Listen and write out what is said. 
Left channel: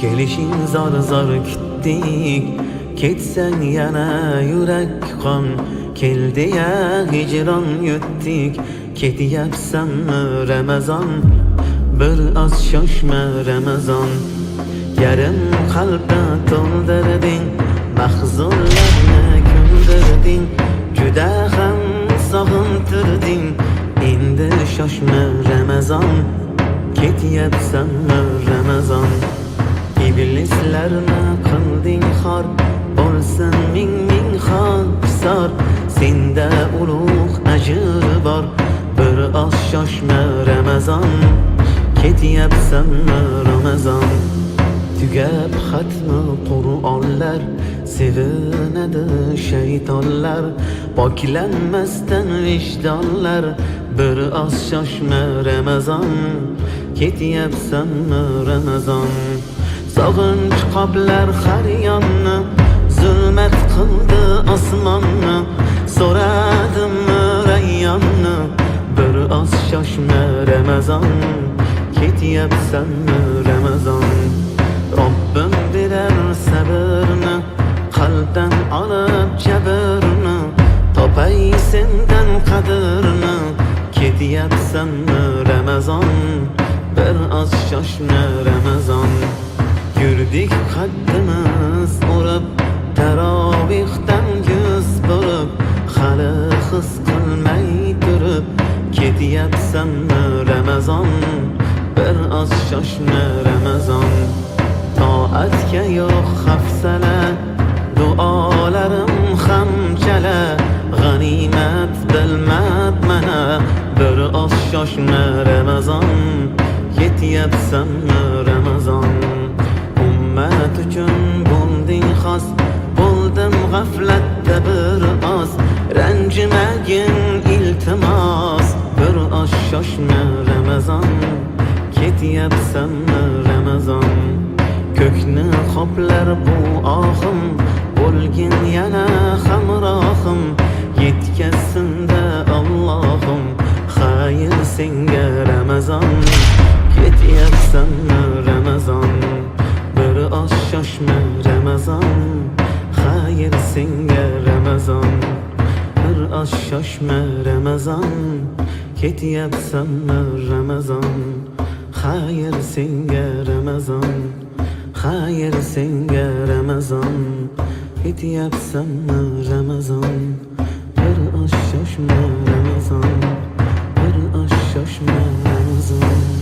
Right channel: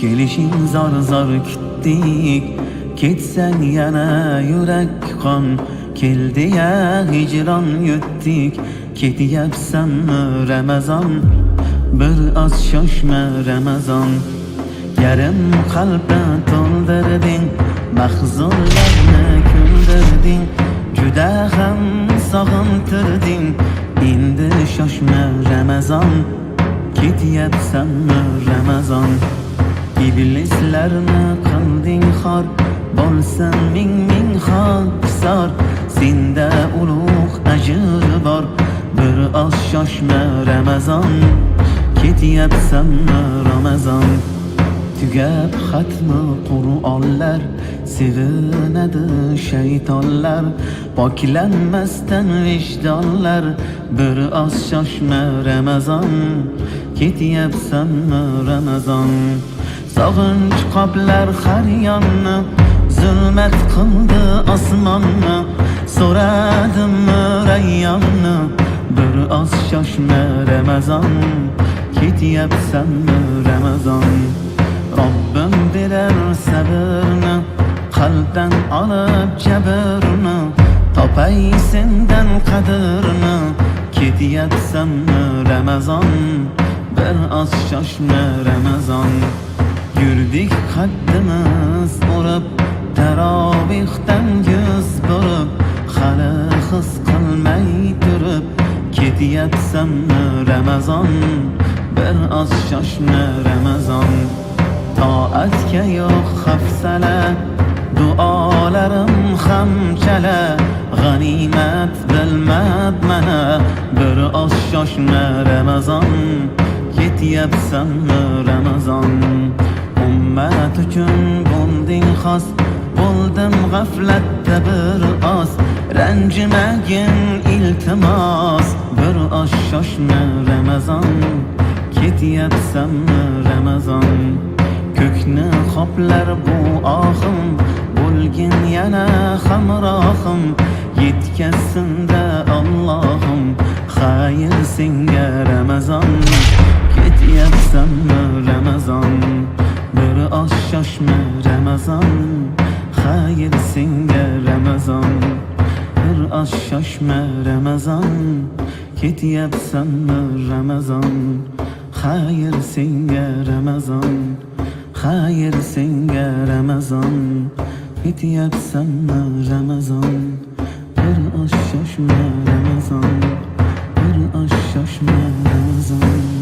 kelishing zor zor kutdik, ketsang yana yurak qon. Keldi ya hicron yutdik, ketyapsanmi Ramazon? Bir oz shoshma Ramazon. Yarim qalbni to'ldirding, mahzunlarni kuldirding, juda ham sog'intirding. Endi shoshma Ramazon, ketyapsanmi Ramazon? Iblislarni qilding xor, bo'lsin ming ming xokisor. Senda ulug' ajr bor, bir oz shoshma Ramazon, ketyapsanmi Ramazon? Tugab xatmi Qur'onlar, sevinadi shaytonlar, poklanmasdan vijdonlar. Bir oz shoshma Ramazon, ketyapsanmi Ramazon? Sog'inch qoplar har yonni, zulmat qildi osmonni. So'radim rayyonni, bir oz shoshma Ramazon, ketyapsanmi Ramazon? Robbim berar sabrni, qalbdan olib jabrni, topay sendan qadrni, ketyapsanmi Ramazon? Bir oz shoshma Ramazon. Yurdik qaddimiz urib, tarovihdan yuz burib, hali his qilmay turib, ketyapsanmi Ramazon? Bir oz shoshma Ramazon. Toatga yo'q hafsala, duolarim ham chala, g'animat bilmab mana. Bir oz shoshma Ramazon, ketyapsanmi Ramazon? Ummat uchun bo'lding xos, bo'ldim g'aflatda bir oz. Ranjimagin iltimos, bir oz shoshma Ramazon, ketyapsanmi Ramazon? Ko'kni qoplar bu ohim, bo'lgin yana hamrohim. Yetkazsin-da Allohim, xayr senga Ramazon, ketyapsanmi Ramazon? Bir oz shoshma Ramazon, xayr senga Ramazon. Bir oz shoshma Ramazon, ketyapsanmi Ramazon? Xayr senga Ramazon, xayr senga Ramazon, ketyapsanmi Ramazon? Bir oz shoshma Ramazon, bir oz shoshma Ramazon.